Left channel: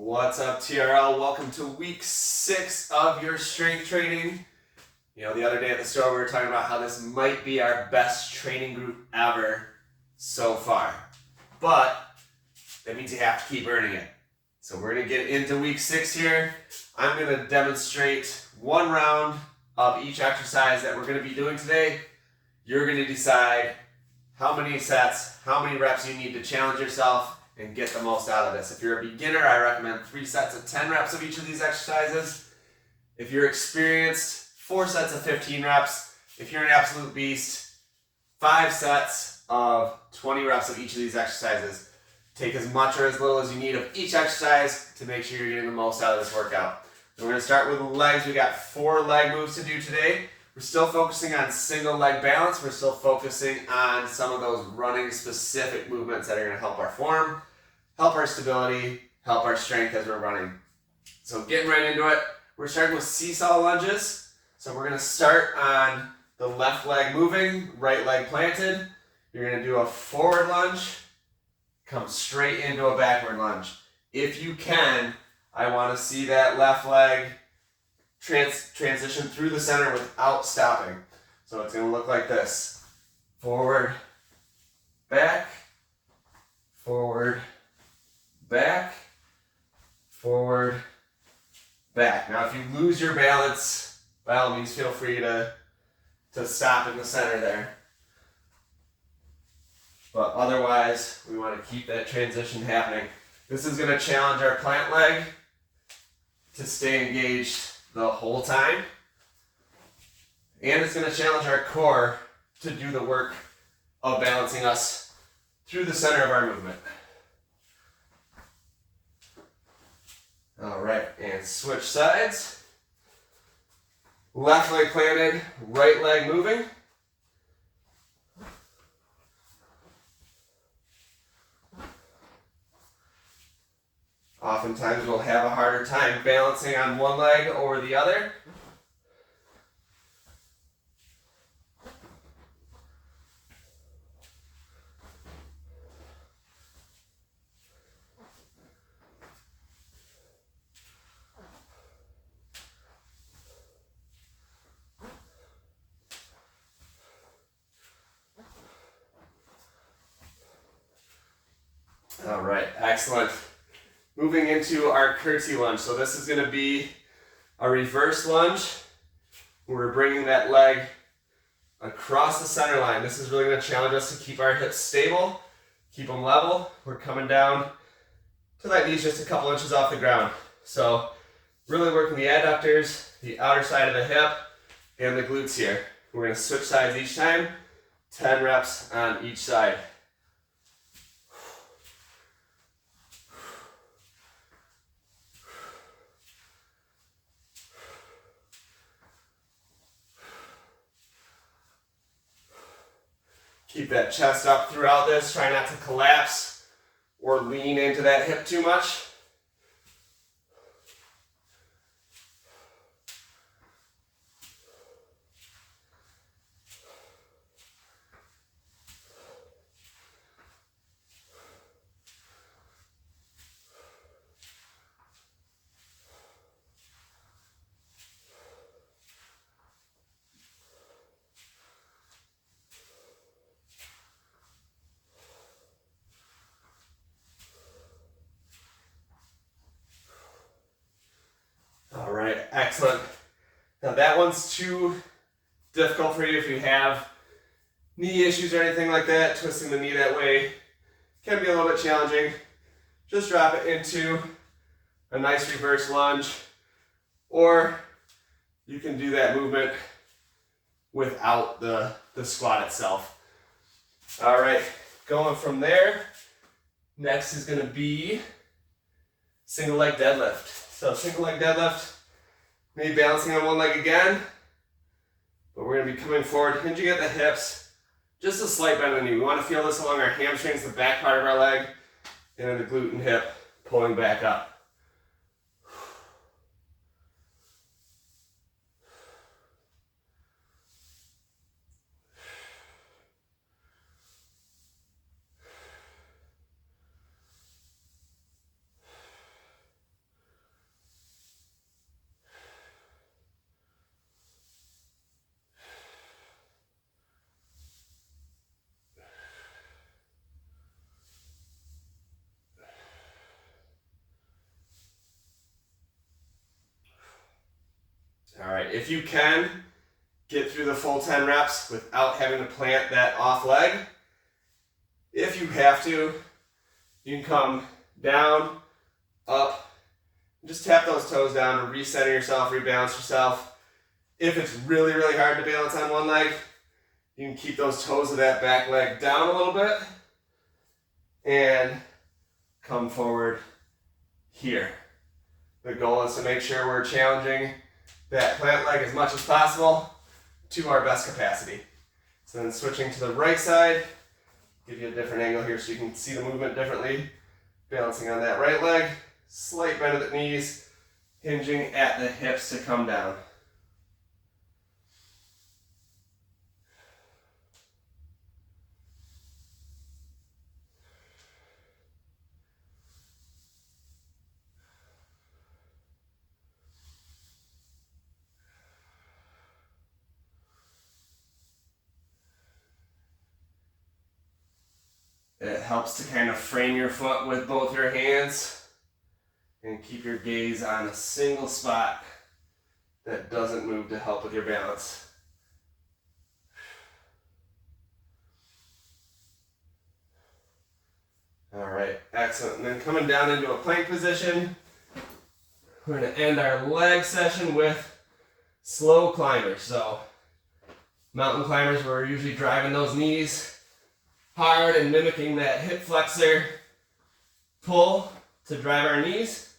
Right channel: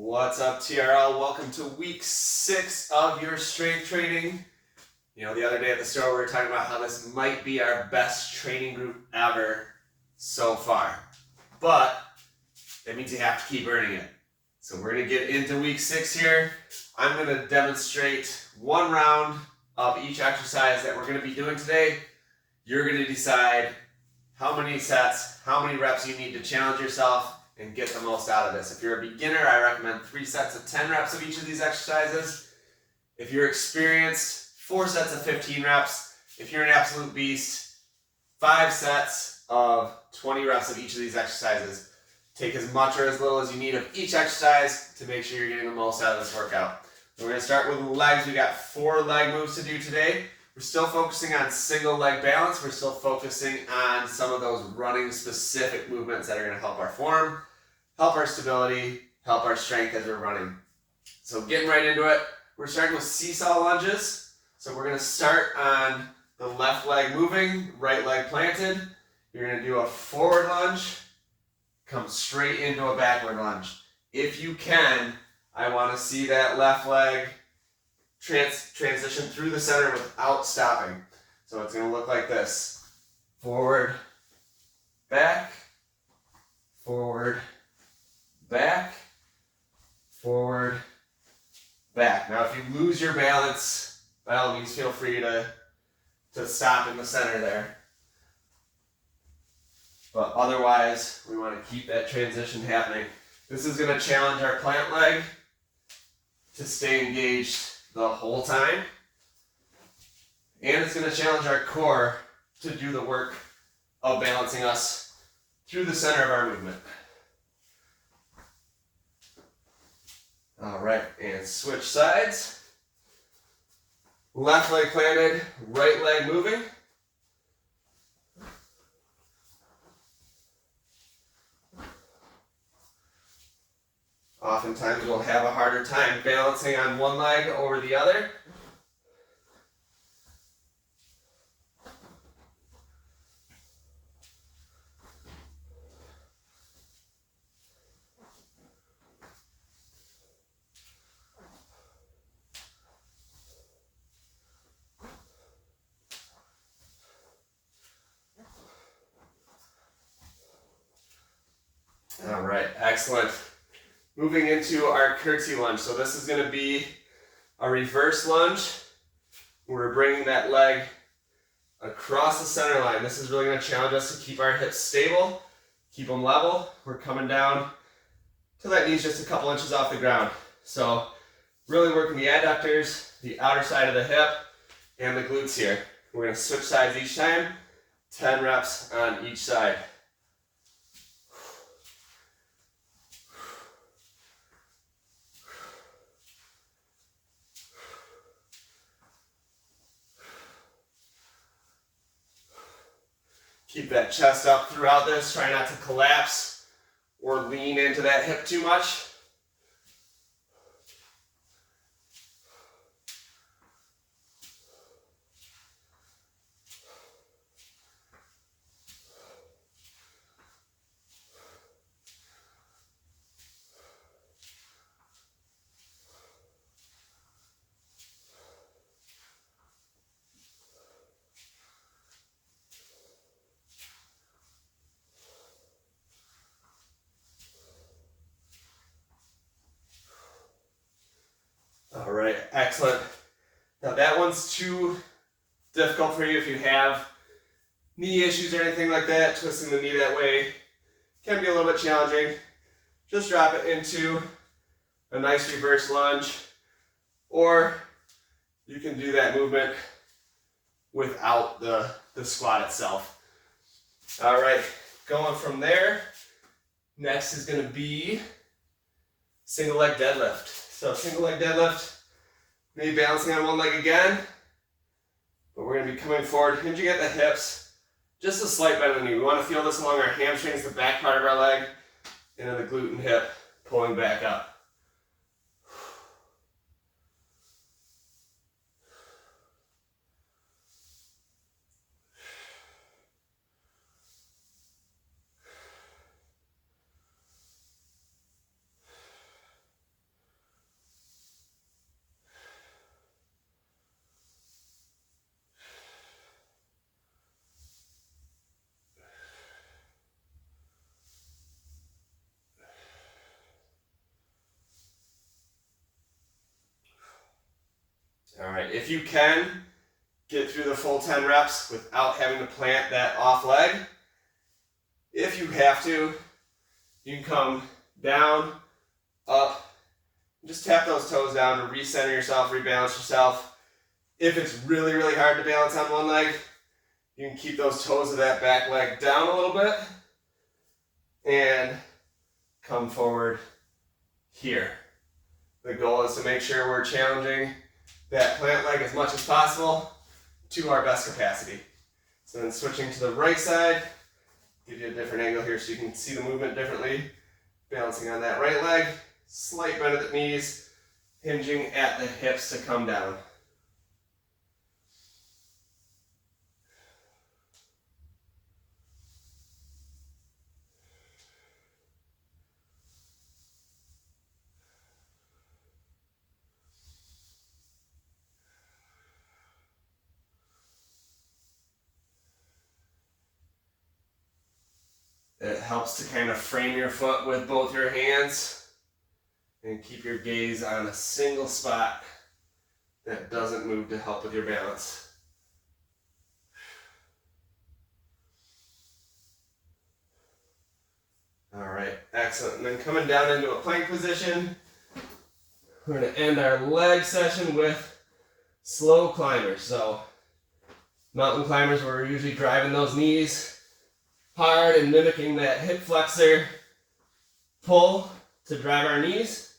What's up, TRL? Welcome to week 6 of your strength training. The other day at the store, we were talking about how this might be our best training group ever so far. But that means you have to keep earning it. So we're going to get into week 6 here. I'm going to demonstrate one round of each exercise that we're going to be doing today. You're going to decide how many sets, how many reps you need to challenge yourself and get the most out of this. If you're a beginner, I recommend 3 sets of 10 reps of each of these exercises. If you're experienced, 4 sets of 15 reps. If you're an absolute beast, 5 sets of 20 reps of each of these exercises. Take as much or as little as you need of each exercise to make sure you're getting the most out of this workout. So we're going to start with legs. We got 4 leg moves to do today. We're still focusing on single leg balance. We're still focusing on some of those running specific movements that are going to help our form, help our stability, help our strength as we're running. So getting right into it, we're starting with seesaw lunges. So we're going to start on the left leg moving, right leg planted. You're going to do a forward lunge, come straight into a backward lunge. If you can, I want to see that left leg transition through the center without stopping. So it's going to look like this. Forward, back, forward, back, forward, back. Now if you lose your balance, by all means feel free to stop in the center there. But otherwise, we want to keep that transition happening. This is going to challenge our plant leg to stay engaged the whole time. And it's going to challenge our core to do the work of balancing us through the center of our movement. All right, and switch sides. Left leg planted, right leg moving. Oftentimes we'll have a harder time balancing on one leg over the other. All right, excellent. Moving into our curtsy lunge. So this is going to be a reverse lunge. We're bringing that leg across the center line. This is really going to challenge us to keep our hips stable, keep them level. We're coming down till that knee's just a couple inches off the ground. So really working the adductors, the outer side of the hip, and the glutes here. We're going to switch sides each time, 10 reps on each side. Keep that chest up throughout this. Try not to collapse or lean into that hip too much. All right, excellent. Now that one's too difficult for you if you have knee issues or anything like that. Twisting the knee that way can be a little bit challenging. Just drop it into a nice reverse lunge, or you can do that movement without the squat itself. All right, going from there, next is going to be single leg deadlift. So single leg deadlift, maybe balancing on one leg again, but we're going to be coming forward, hinging at the hips, just a slight bend in the knee. We want to feel this along our hamstrings, the back part of our leg, and then the glute and hip pulling back up. if you can, get through the full 10 reps without having to plant that off leg. If you have to, you can come down, up, just tap those toes down to recenter yourself, rebalance yourself. If it's really, really hard to balance on one leg, you can keep those toes of that back leg down a little bit and come forward here. The goal is to make sure we're challenging that plant leg as much as possible to our best capacity. So then switching to the right side, give you a different angle here so you can see the movement differently. Balancing on that right leg, slight bend at the knees, hinging at the hips to come down. It helps to kind of frame your foot with both your hands and keep your gaze on a single spot that doesn't move to help with your balance. All right, excellent. And then coming down into a plank position, we're going to end our leg session with slow climbers. So mountain climbers, we're usually driving those knees hard and mimicking that hip flexor pull to drive our knees.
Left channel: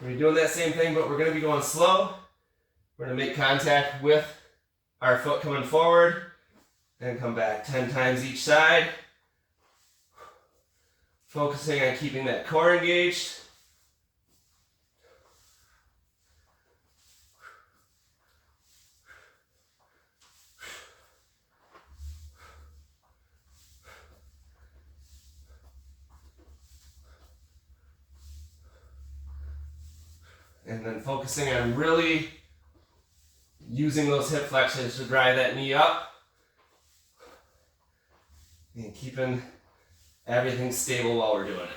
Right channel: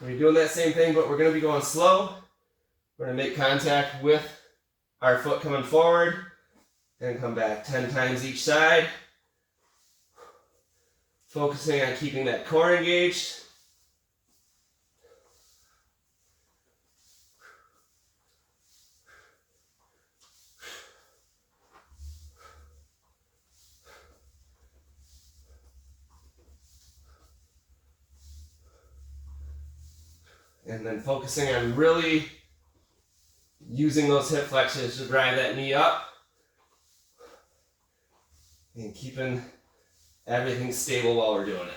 We're doing that same thing, but we're going to be going slow. We're going to make contact with our foot coming forward and come back 10 times each side. Focusing on keeping that core engaged. And then focusing on really using those hip flexors to drive that knee up. And keeping everything stable while we're doing it.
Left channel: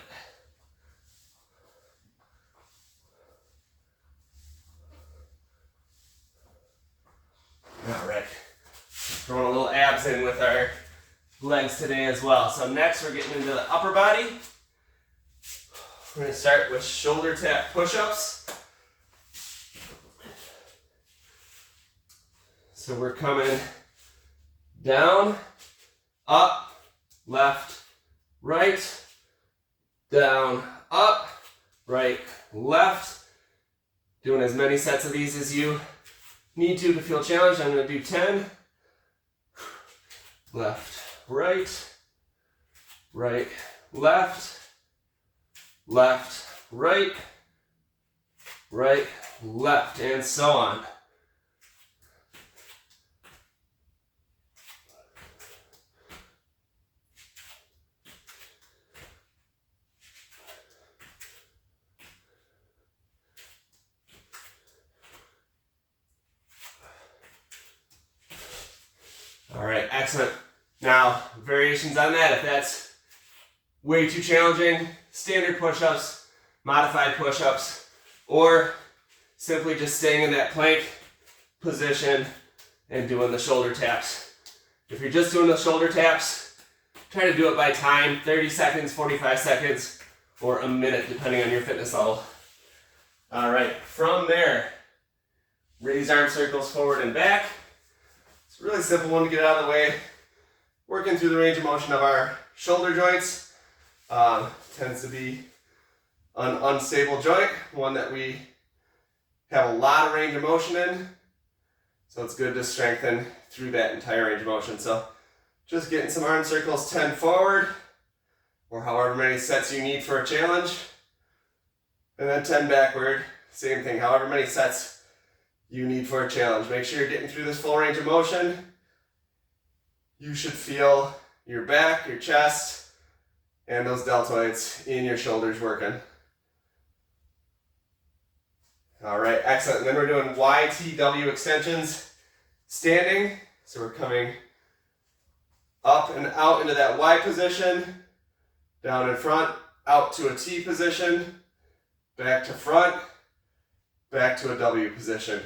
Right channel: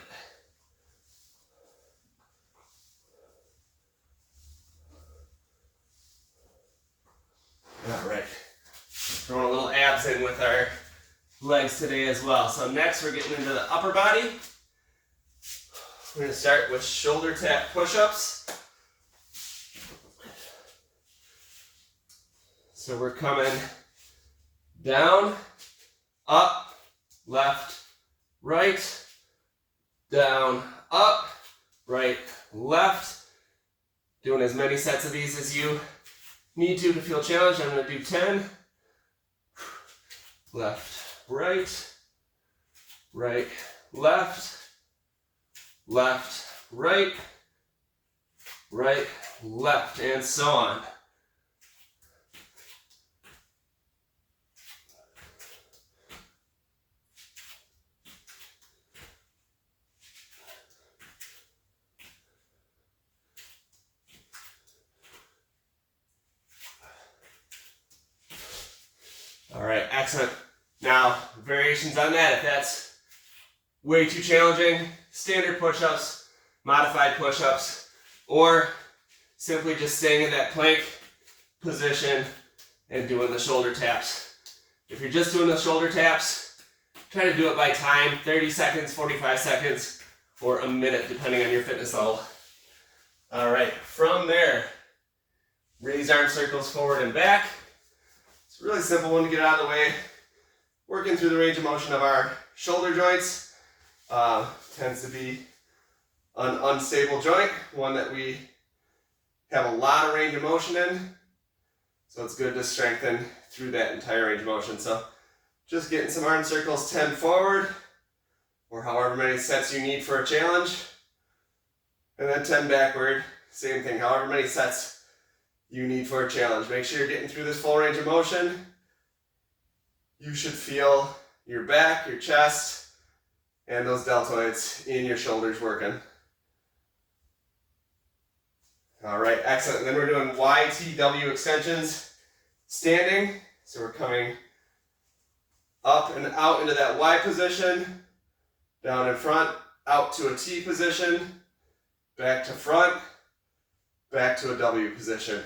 All right. Throwing a little abs in with our legs today as well. So next we're getting into the upper body. We're going to start with shoulder tap push-ups. So we're coming down, up, left, right, down, up, right, left. Doing as many sets of these as you need to feel challenged. I'm going to do 10. Left, right, right, left, left, right, right, left, and so on. All right, excellent. Now, variations on that. If that's way too challenging, standard push-ups, modified push-ups, or simply just staying in that plank position and doing the shoulder taps. If you're just doing the shoulder taps, try to do it by time, 30 seconds, 45 seconds, or a minute, depending on your fitness level. All right, from there, raise arm circles forward and back. It's a really simple one to get out of the way. Working through the range of motion of our shoulder joints. Tends to be an unstable joint, one that we have a lot of range of motion in. So it's good to strengthen through that entire range of motion. So just getting some arm circles 10 forward, or however many sets you need for a challenge. And then 10 backward, same thing, however many sets you need for a challenge. Make sure you're getting through this full range of motion. You should feel your back, your chest, and those deltoids in your shoulders working. All right, excellent. And then we're doing YTW extensions standing. So we're coming up and out into that Y position, down in front, out to a T position, back to front, back to a W position.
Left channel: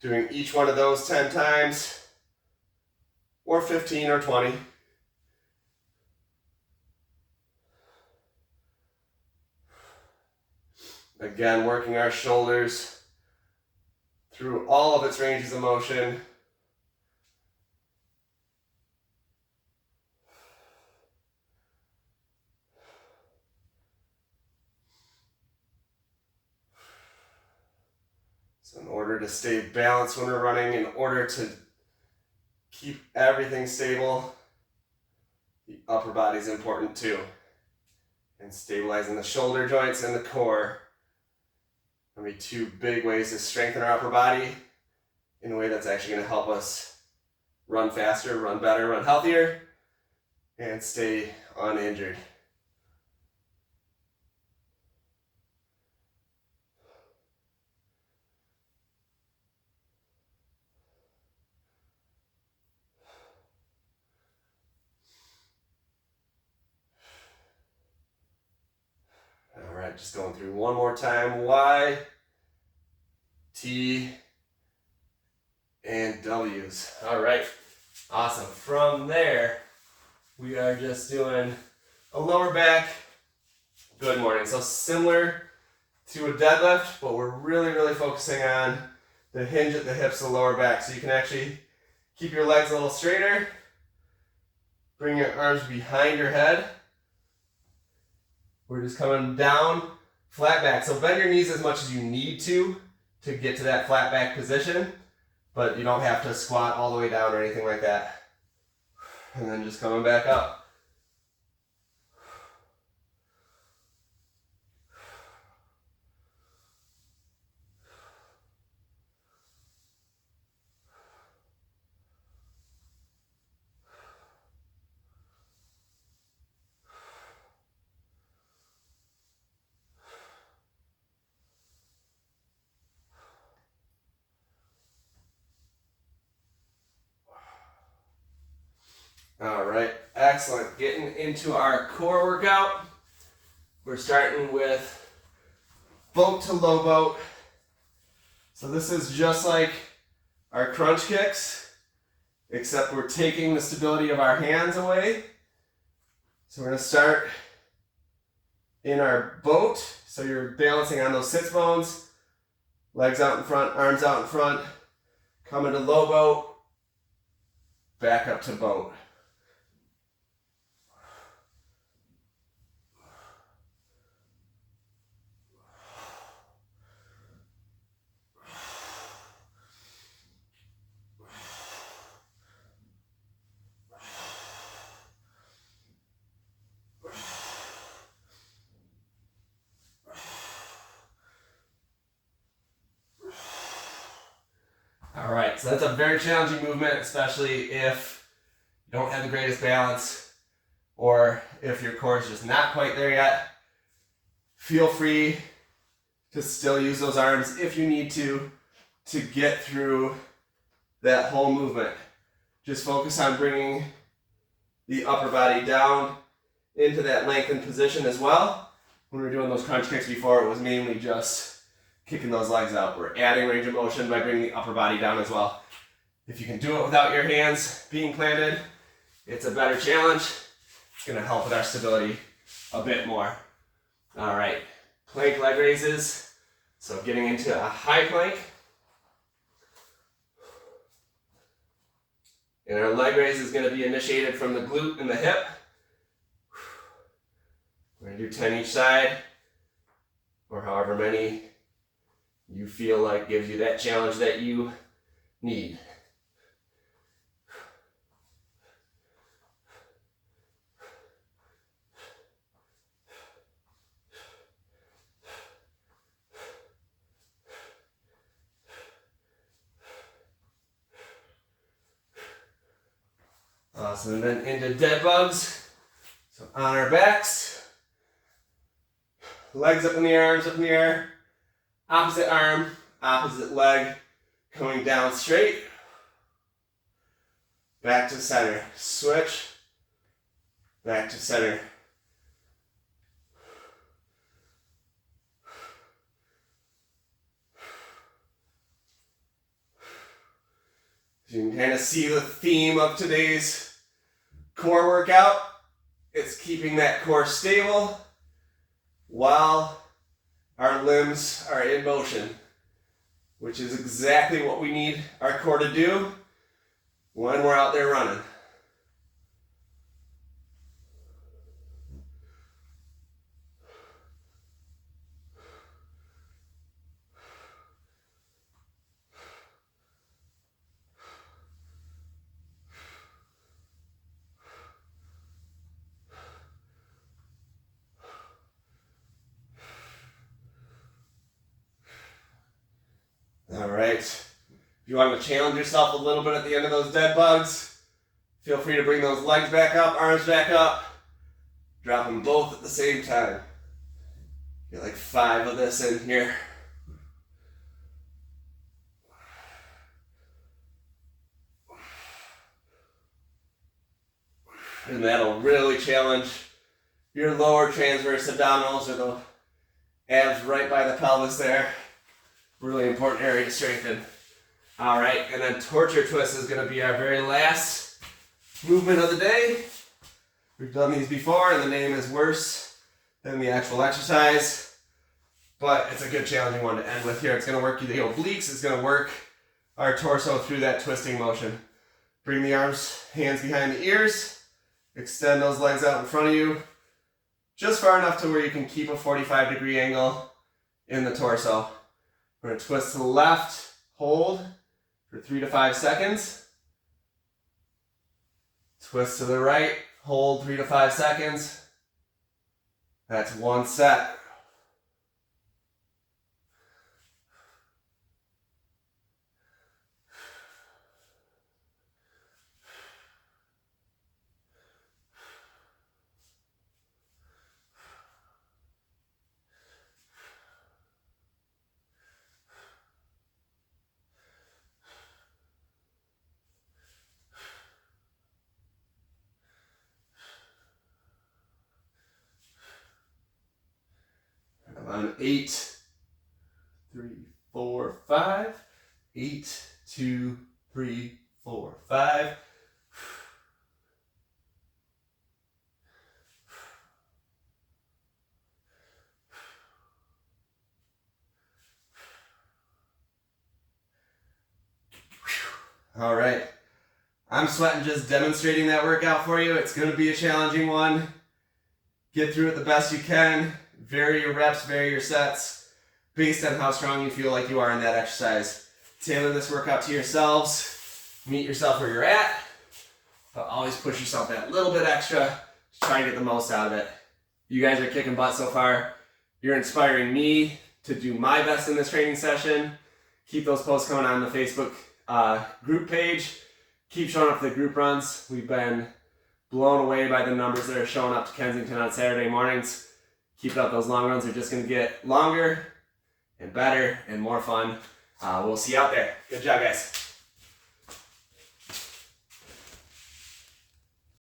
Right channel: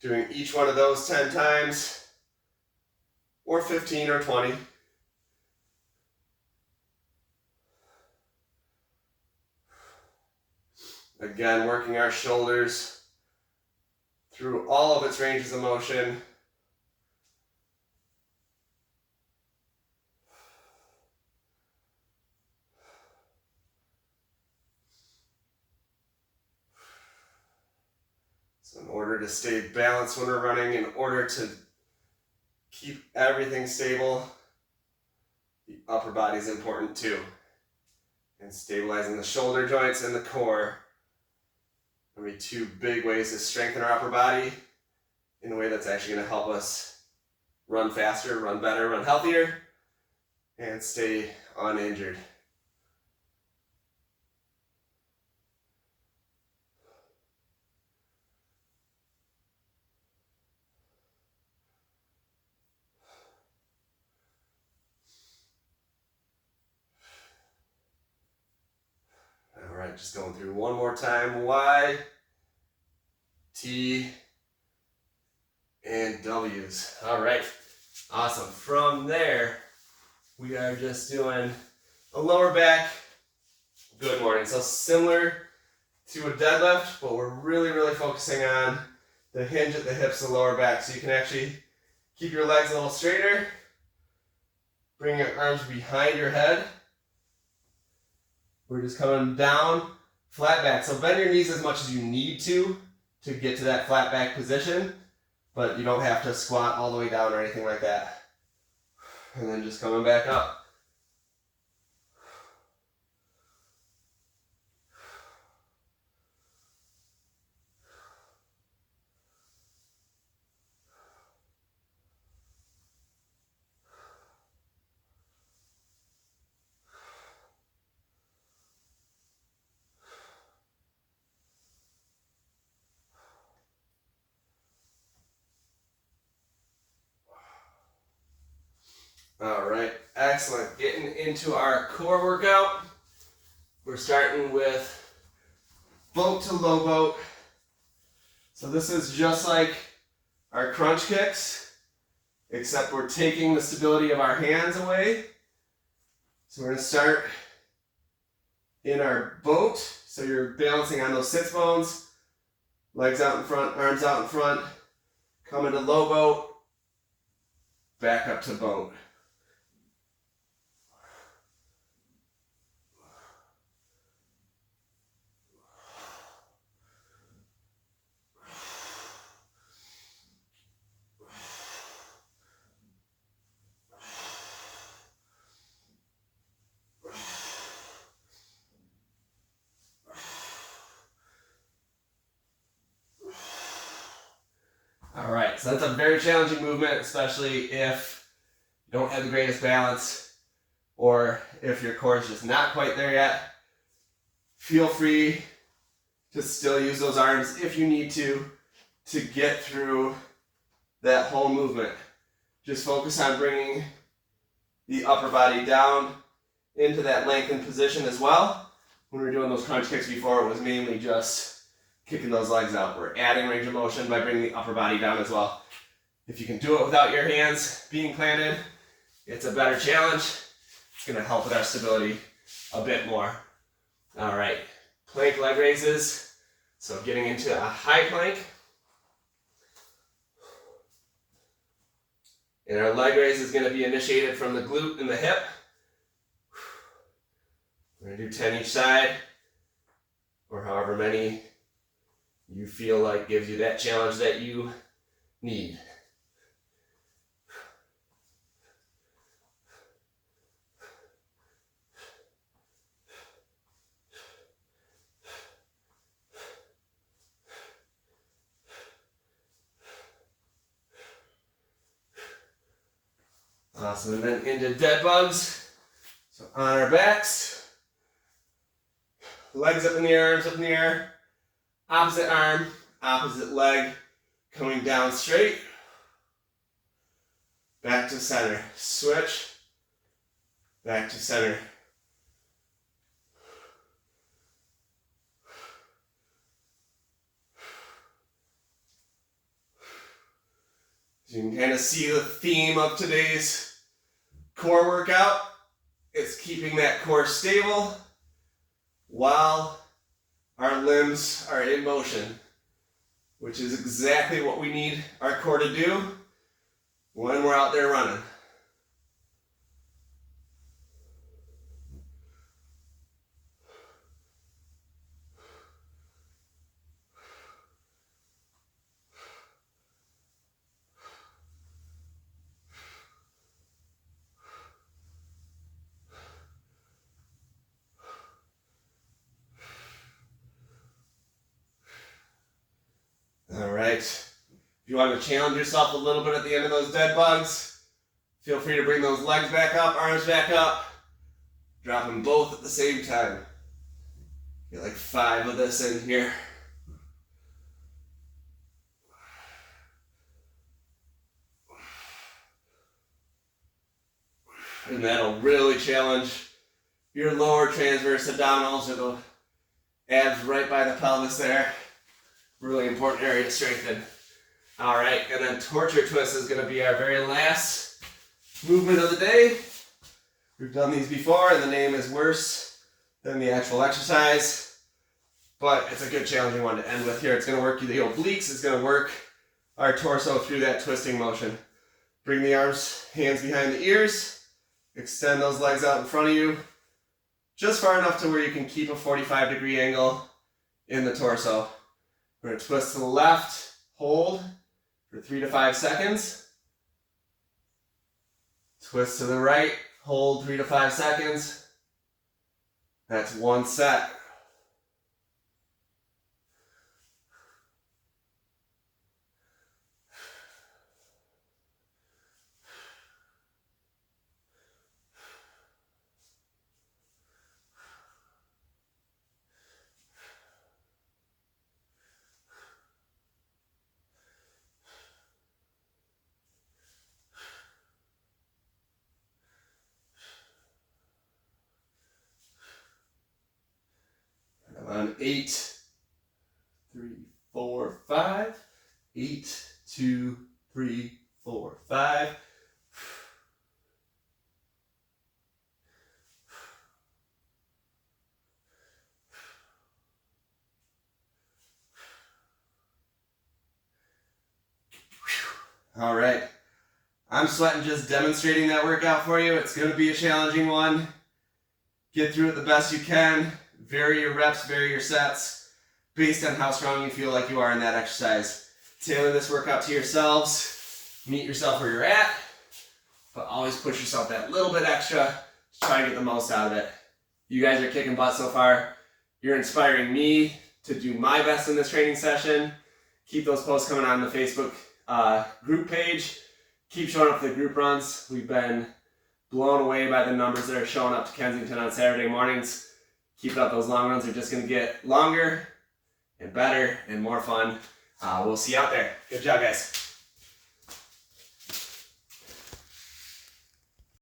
Doing each one of those 10 times, or 15 or 20. Again, working our shoulders through all of its ranges of motion. So in order to stay balanced when we're running, in order to keep everything stable, the upper body is important too. And stabilizing the shoulder joints and the core are going to be two big ways to strengthen our upper body in a way that's actually going to help us run faster, run better, run healthier, and stay uninjured. All right, just going through one more time. Y, T, and W's. All right, awesome. From there, we are just doing a lower back good morning. So similar to a deadlift, but we're really focusing on the hinge at the hips and lower back. So you can actually keep your legs a little straighter, bring your arms behind your head. We're just coming down, flat back. So bend your knees as much as you need to get to that flat back position, but you don't have to squat all the way down or anything like that. And then just coming back up. All right, excellent. Getting into our core workout. We're starting with boat to low boat. So this is just like our crunch kicks, except we're taking the stability of our hands away. So we're gonna start in our boat. So you're balancing on those sits bones, legs out in front, arms out in front, come into low boat, back up to boat. All right, so that's a very challenging movement, especially if you don't have the greatest balance or if your core is just not quite there yet. Feel free to still use those arms if you need to get through that whole movement. Just focus on bringing the upper body down into that lengthened position as well. When we were doing those crunch kicks before, it was mainly just kicking those legs out. We're adding range of motion by bringing the upper body down as well. If you can do it without your hands being planted, it's a better challenge. It's going to help with our stability a bit more. All right, plank leg raises. So getting into a high plank. And our leg raise is going to be initiated from the glute and the hip. We're going to do 10 each side, or however many you feel like gives you that challenge that you need. Awesome, and then into dead bugs. So on our backs, legs up in the air, arms up in the air, opposite arm, opposite leg, coming down straight, back to center, switch, back to center. So you can kind of see the theme of today's core workout. It's keeping that core stable while our limbs are in motion, which is exactly what we need our core to do when we're out there running. All right. If you want to challenge yourself a little bit at the end of those dead bugs, feel free to bring those legs back up, arms back up. Drop them both at the same time. Get like 5 of this in here. And that'll really challenge your lower transverse abdominals, or the abs right by the pelvis there. Really important area to strengthen. All right, and then torture twist is going to be our very last movement of the day. We've done these before, and the name is worse than the actual exercise, but it's a good challenging one to end with here. It's going to work the obliques. It's going to work our torso through that twisting motion. Bring the arms, hands behind the ears. Extend those legs out in front of you, just far enough to where you can keep a 45-degree angle in the torso. We're going to twist to the left, hold for 3 to 5 seconds. Twist to the right, hold 3 to 5 seconds. That's one set. On 8, 3, 4, 5. 8, 2, 3, 4, 5. All right. I'm sweating just demonstrating that workout for you. It's going to be a challenging one. Get through it the best you can. Vary your reps, vary your sets based on how strong you feel like you are in that exercise. Tailor this workout to yourselves. Meet yourself where you're at, but always push yourself that little bit extra to try and get the most out of it. You guys are kicking butt so far. You're inspiring me to do my best in this training session. Keep those posts coming on the Facebook group page. Keep showing up for the group runs. We've been blown away by the numbers that are showing up to Kensington on Saturday mornings. Keep up, those long runs are just going to get longer and better and more fun. We'll see you out there. Good job, guys.